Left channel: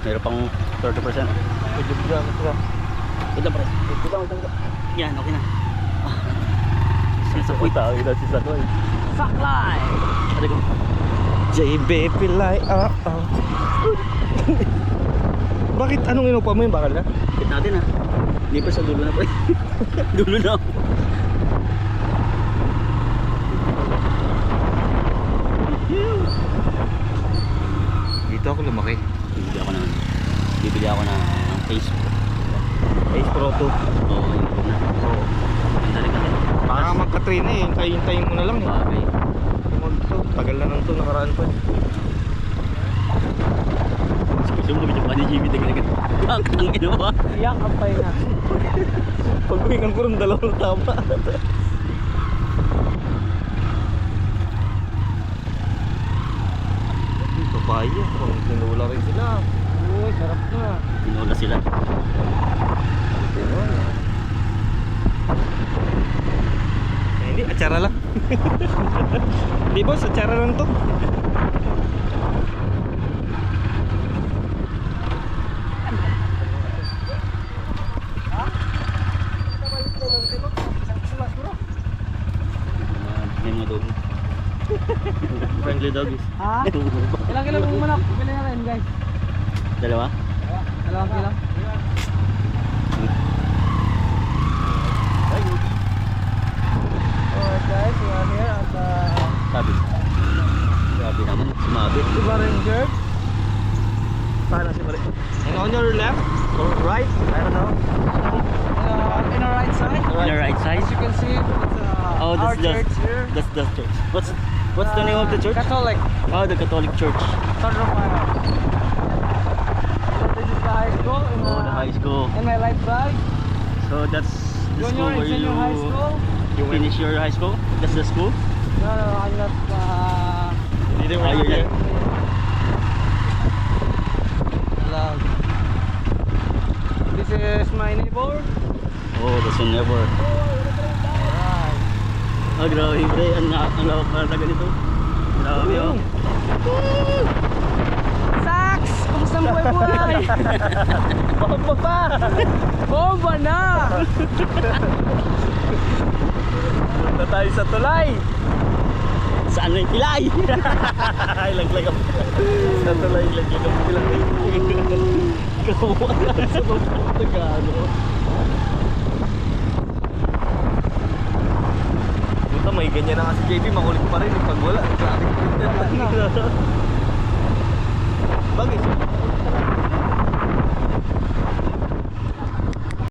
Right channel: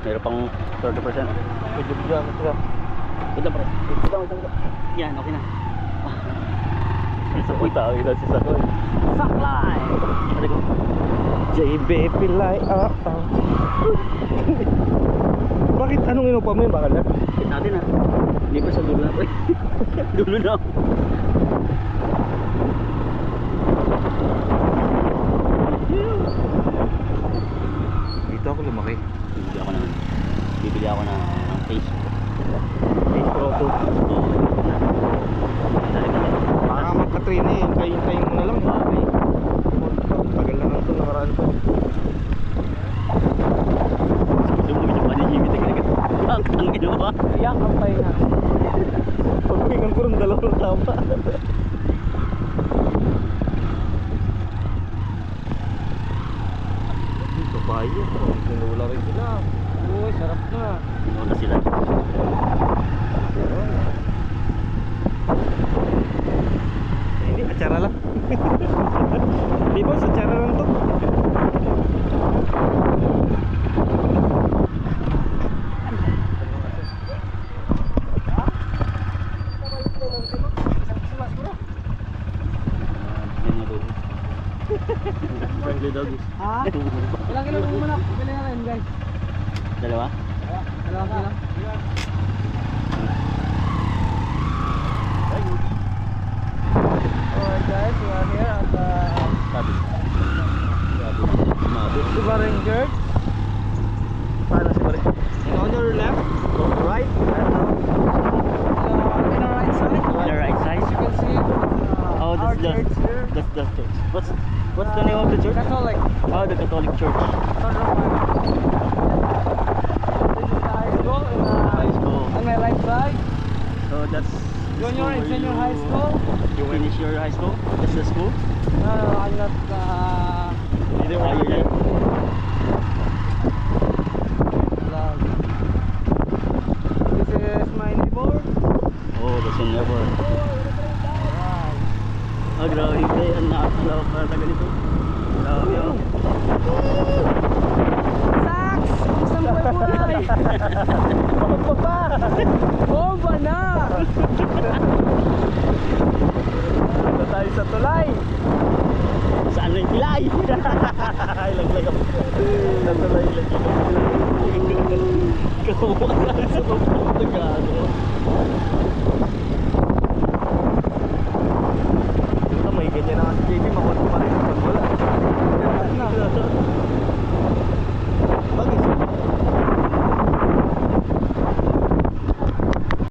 Meron pang 30%. Medyo bilang ito. Ito pre. Ito. Yan, okay na. Uy, tao yun si Sakoy. Saklay! JB Pilay. Bakit anong inupa mo yung bakal na? Hit natin ha. Hindi pa sa dulo na pre. Dulo na. Dito ako lumaki. Bibili ako ng Ace Pro 2. Baka magka-train eh. Hintayin mo na lang eh. Okay. Tagal na nang ito. Nakaraan pa eh. Gusto mo naman yung Jimmy tagad. Ang ginawa. Iyak ang pahinga. Pagpahingan ko ng dalawang tama. Papaya. Tinula rin sila. Uy, sarap na. Tinula sila. Hindi, atsara lang. Di boss, atsara lang to. Friendly dog. Ha? Ilang kilo mong manok? Bili na rin guys. Dalawa? Dalawang kilo. Alright guys, we are here at Sabi. Sabi na. Sumabi. Diba Ranger? Paano si Bari? And on your left or right? I don't know. In our right side. On the right side. As you can see, it's Oh, our that's church here. That's the church. What's the name of the church? Catholic. Oh, the Catholic Church. San Romano. This is the high school. High school. On my right side. So that's the Junior school and where senior high school. You finish your high school? That's the school? No, I'm not. You didn't Oh, work you're here? Hello. This is my neighbor. Oh, that's a never. Oh, grabe. Ang lawak na talaga nito. Grabe oh. Sax! Kumusta mo buhay? Bomba pa! Bomba na! Punta tayo sa tulay! Saan na yung pilay? Laglag ako. Sa tulay, laglag ako. Kawawa na sa mga Tagalog. Puta, may ganyan na nga si JB. Makulit pa rin pag wala. Bagay,